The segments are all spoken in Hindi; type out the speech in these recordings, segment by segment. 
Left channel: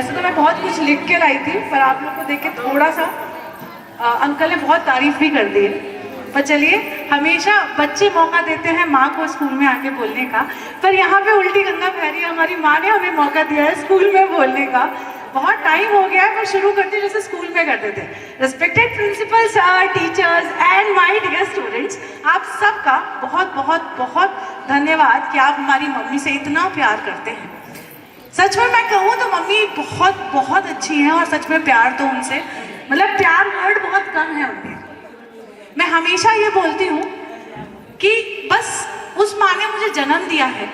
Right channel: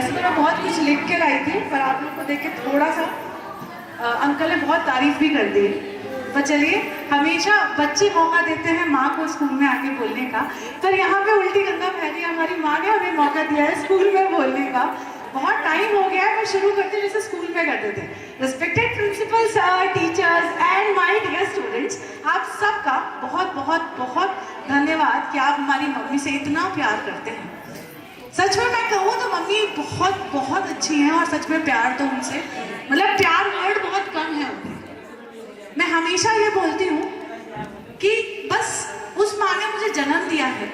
वैसे तो मैं बहुत कुछ लिख के लाई थी, पर आप लोग को देख के थोड़ा सा अंकल ने बहुत तारीफ भी कर दी। पर चलिए, हमेशा बच्चे मौका देते हैं माँ को स्कूल में आके बोलने का, पर यहाँ पे उल्टी गंगा बह रही है। हमारी माँ ने हमें मौका दिया है स्कूल में बोलने का। बहुत टाइम हो गया है, पर शुरू करते जैसे स्कूल में करते थे। Respected principal sir, teachers and my dear students, आप सबका बहुत बहुत बहुत धन्यवाद कि आप हमारी मम्मी से इतना प्यार करते हैं। सच में मैं कहूँ तो मम्मी बहुत बहुत अच्छी हैं, और सच में प्यार तो उनसे, मतलब प्यार वर्ड बहुत कम है उनके। मैं हमेशा ये बोलती हूँ कि बस उस माँ ने मुझे जन्म दिया है,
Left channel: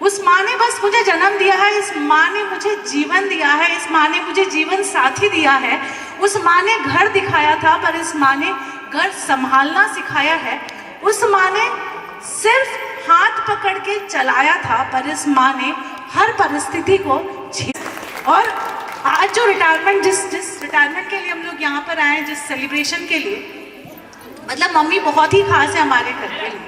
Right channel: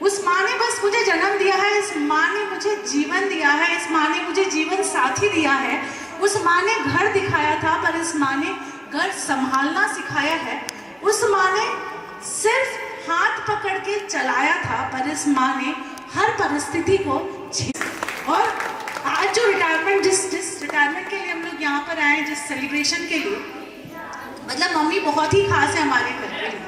उस माँ ने बस मुझे जन्म दिया है, इस माँ ने मुझे जीवन दिया है, इस माँ ने मुझे जीवन साथी दिया है। उस माँ ने घर दिखाया था, पर इस माँ ने घर संभालना सिखाया है। उस माँ ने सिर्फ हाथ पकड़ के चलाया था, पर इस माँ ने हर परिस्थिति को और आज जो रिटायरमेंट, जिस रिटायरमेंट के लिए हम लोग यहाँ पर आए हैं, जिस सेलिब्रेशन के लिए, मतलब मम्मी बहुत ही खास है हमारे घर के लिए।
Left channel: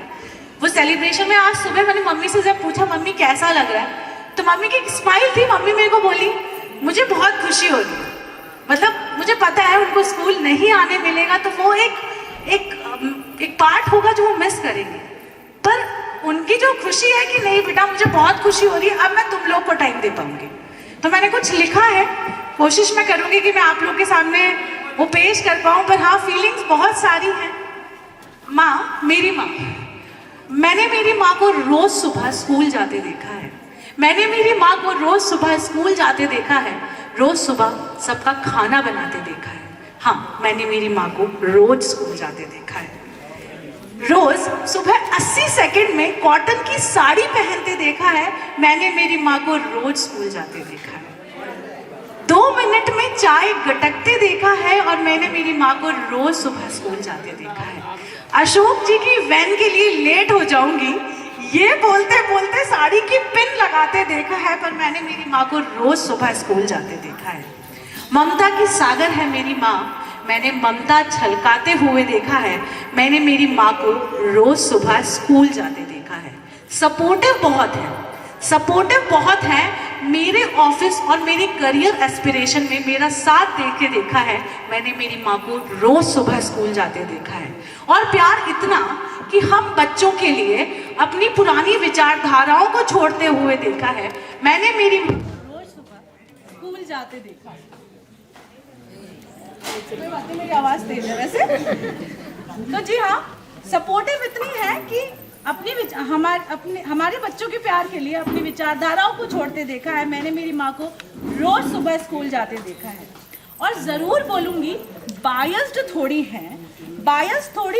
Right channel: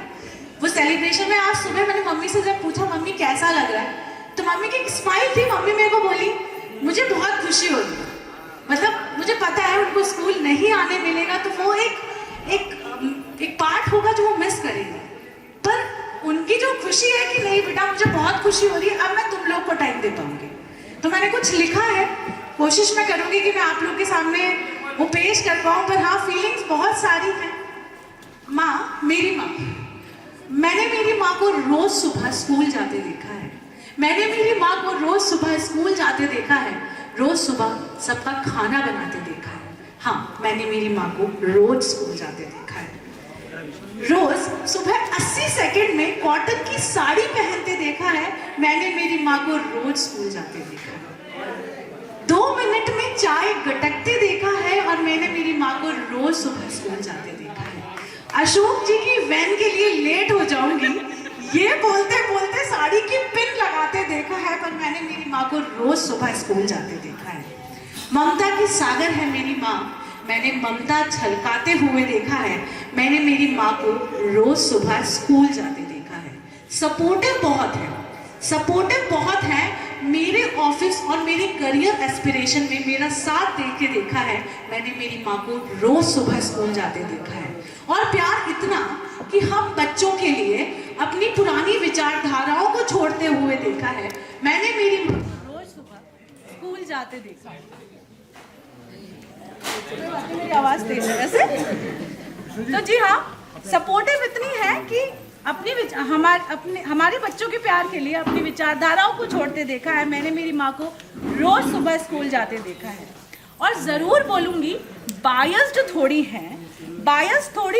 वो सेलिब्रेशन में आज सुबह मैंने मम्मी से जब पूछा मम्मी कैसा लग रहा है, तो मम्मी की एक स्माइल थी। मम्मी मेरे को बोली मुझे बहुत खुशी हो रही है। मतलब मुझे पता है उनको स्कूल नहीं आने मिलेगा, तो वो एक पार्ट होगा जो वो मिस करेंगे, पर उनकी जो खुशी है कि नहीं बेटा मुझे बहुत खुशी हो रही है, अब मैं तुम लोग को टाइम दे पाऊंगी। तो मैंने कुछ लिखा है, कोशिश मैं करूंगी कि मैं आप लोग के सामने वो पेश कर पाऊं, पर हाँ फीलिंग्स बहुत सारी हैं। माँ, मेरी माँ, मैंने मेरी माँ को रोज सुबह स्कूल जाते देखा है। मैंने मेरी माँ को रोज सुबह स्कूल जाते देखा है, रोज सुबह सबका खाना बनाते देखा है। हाँ, मैंने मेरी माँ को रोज स्कूल जाते देखा है। रोज सुबह 80 सेकंड में कॉटन की साड़ी पहनते देखा है। मैंने मेरी माँ को रोज स्कूल जाते देखा है। 2 मिनट में चाय गटकते देखा है, और मैंने मेरी माँ को रोज सुबह स्कूल जाते देखा है। अशोक जी की वैन के लिए लेट हो जाऊंगी, ये बोलते बोलते साड़ी की पिन लगाते देखा है, पर मैंने मेरी माँ को रोज सुबह स्कूल जाते देखा है। ममता की सागर है मेरी माँ, मैंने ममता छलकाते हुए देखा है। मैंने मेरी माँ को रोज सुबह स्कूल जाते देखा है। सपोर्टिव बहुत है, सपोर्टिव बहुत है। मेरे ऑफिस और मेरे करियर एस्पिरेशन में मेरा साथ दे के देखा है। मैंने मेरी माँ को रोज सुबह स्कूल जाते देखा है। और प्यार इतना कि हम बच्चों के लिए अपनी पुरानी विचारधाराओं को छोड़ते हुए देखा है। मैंने मेरी माँ को रोज सुबह स्कूल जाते देखा है। कोई बात नहीं, मेरी आवाज तेज है वैसे। तो जी हाँ, सपोर्टिव इतनी है कि हमारे बच्चों के प्यार के लिए अपनी विचारधाराओं को छोड़ते देखा है। मैंने मेरी माँ को रोज सुबह स्कूल जाते देखा है। और जरूर बोलूंगी बायस्ड थोड़ी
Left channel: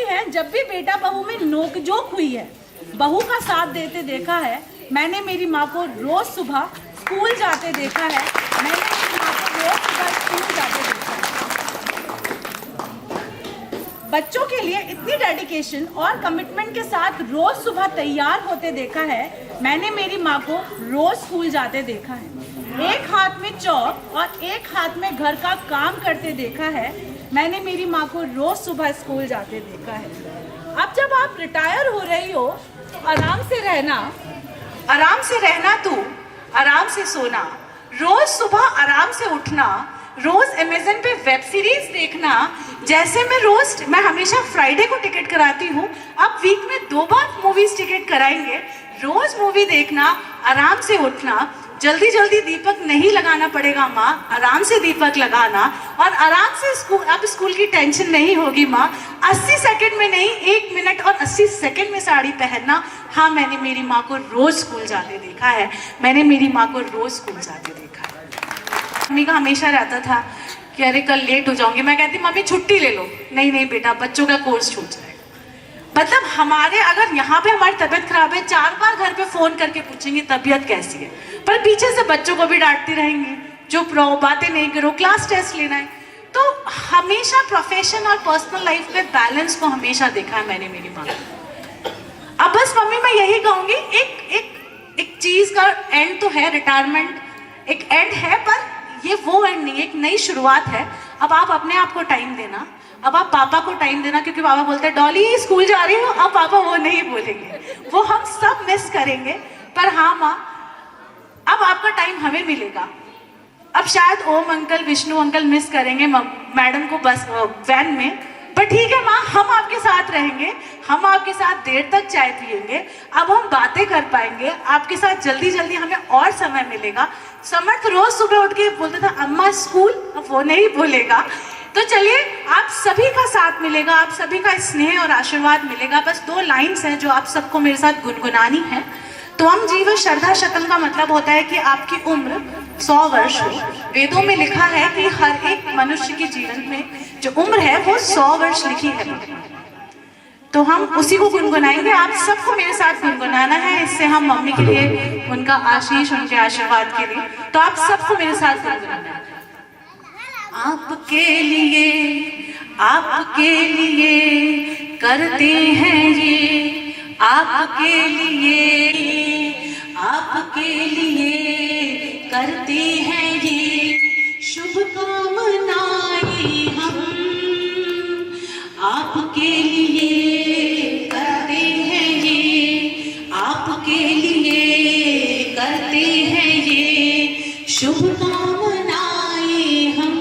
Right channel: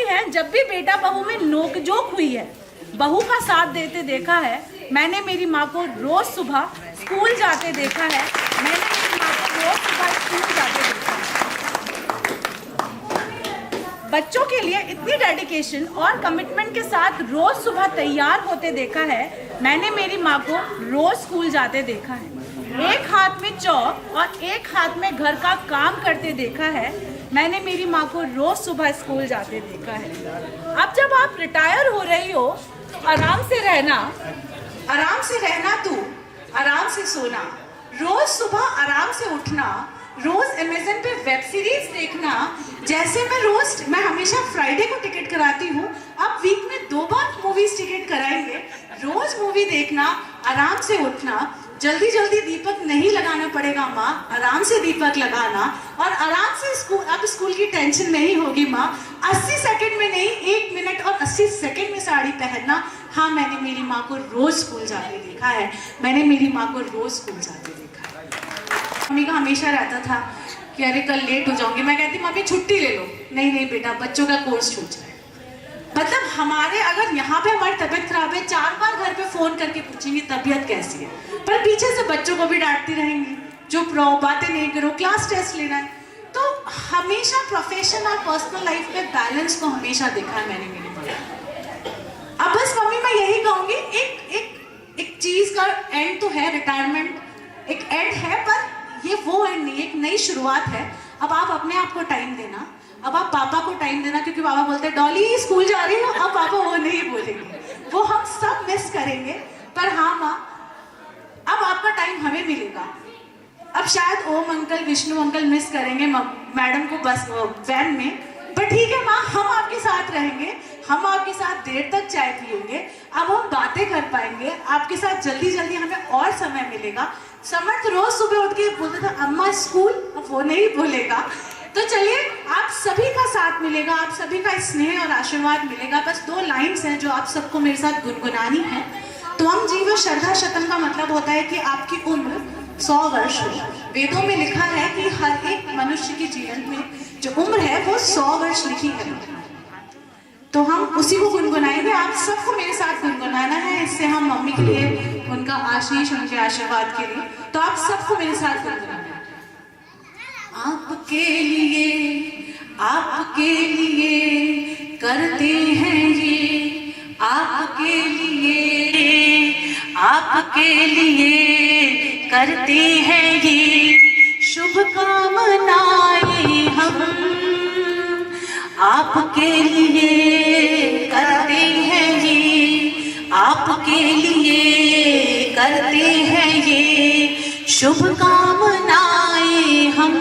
है, जब भी बेटा बहू में नोकझोंक हुई है, बहू का साथ देते देखा है। मैंने मेरी माँ को रोज सुबह स्कूल जाते देखा है। मैंने मेरी माँ को रोज सुबह स्कूल जाते देखा है। बच्चों के लिए इतनी डेडिकेशन और कमिटमेंट के साथ रोज सुबह तैयार होते देखा है। मैंने मेरी माँ को रोज स्कूल जाते देखा है। एक हाथ में चौक और एक हाथ में घर का काम करते देखा है। मैंने मेरी माँ को रोज सुबह स्कूल जाते देखा है। अब जब आप रिटायर हो रही हो तो आराम से रहना तू, आराम से सोना, रोज सुबह आराम से उठना, रोज अमेज़न पे वेब सीरीज देखना। जैसे मैं हमेशा फ्राइडे को टिकट कराती हूँ, अब वीक में 2 बार मूवीज टिकट कराएंगे। रोज मूवी देखना, आराम से उठना, जल्दी जल्दी दीपक नहीं लगाना पड़ेगा माँ, आराम से दीपक लगाना, और आराम से स्कूल की टेंशन नहीं होगी माँ। 80 सेकंड में नहीं, 1 मिनट और 80 सेकंड में साड़ी पहनना। हाँ, मैंने मेरी माँ को रोज स्कूल जाते देखा है। मैंने मेरी माँ को रोज स्कूल जाते देखा है। मम्मी का हमेशा रहता था कि अरे कल लेट हो जाऊंगी। मैं कहती मम्मी छुट्टी ले लो। नहीं बेटा, बच्चों का कोर्स छूट जाए। मतलब अगर यहाँ पे हमारी तबीयत खराब है, 4 बार घर पे फोन करके पूछेंगे तबीयत कैसी है, पर पीछे से बच्चों को भी डांटती रहेंगी, चुप रहो, बातें नहीं करो, क्लास टेस्ट लेना है। तो हमेशा प्रोफेशन और पर्सनल लाइफ में बैलेंस को हमेशा देखा है मैंने मेरी माँ। अब बस मम्मी मैं यही कहूंगी, एक चीज का एंड तो है, रिटायरमेंट एक एंड है, पर ये वो एंड नहीं, एक नई शुरुआत है। अब आप अपने आप को टाइम देना, अब आप पापा को टाइम देना, क्योंकि पापा बोलते हैं डॉली स्कूल जा रही हो। अब पापा वो नहीं बोलेंगे, वो हम सब मिस करेंगे। पर हाँ माँ, अब आपका टाइम हमें मिलेगा। अब शायद ओम अंकल, विष्णु अंकल मिस करेंगे मैडम को बस वैन में, पर ठीक है माँ, हम आपके साथ रहेंगे, हम आपके साथ देर तक चाय पियेंगे, अब हम बातें कर पाएंगे आपके साथ, जल्दी जल्दी हमें और समय मिलेगा। समर्थ रोज सुबह उठ के बोलता था अम्मा स्कूल, अब वो नहीं बोलेगा। तो चलिए, आप सभी का साथ मिलेगा, आप सभी का स्नेह और आशीर्वाद मिलेगा। बस 2 लाइन्स हैं जो आप सबको मेरे साथ गुनगुनानी है। त्वम जीव शरधा शतम का मतलब होता है कि आपकी उम्र 100 वर्ष हो। वेदों में लिखा है कि हर एक मनुष्य के जीवन में जो उम्र है वो 100 वर्ष लिखी है, तो हम उसी को गुनगुनाएंगे। आप सबको मेरे साथ गुनगुनाना है, इससे हम मम्मी के लिए उनका आशीष, उनके आशीर्वाद के लिए, तो आप सबको मेरे साथ गुनगुनाना है। आपके लिए करते हैं ये, आपके लिए करते हैं ये शुभकामनाएं हम, आपके लिए करते हैं ये, आपके लिए करते हैं ये शुभकामनाएं हम।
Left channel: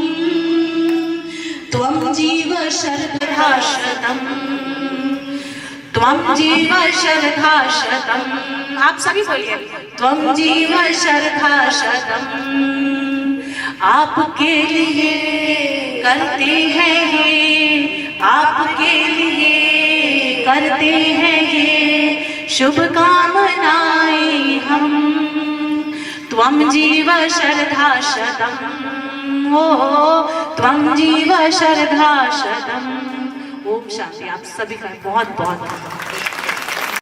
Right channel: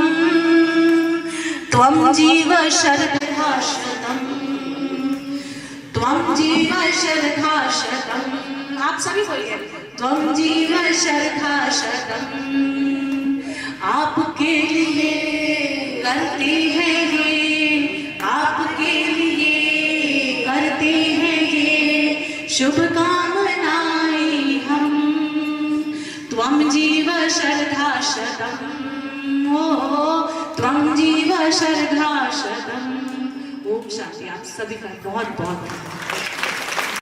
त्वं जीव शरधा शतम्, त्वं जीव शरधा शतम्, आप सभी बोलिए, त्वं जीव शरधा शतम्, आपके लिए करते हैं ये, आपके लिए करते हैं ये शुभकामनाएं हम। त्वं जीव शरधा शतम्, ओ त्वं जीव शरधा शतम्। ओम शांति। आप सभी का बहुत बहुत धन्यवाद।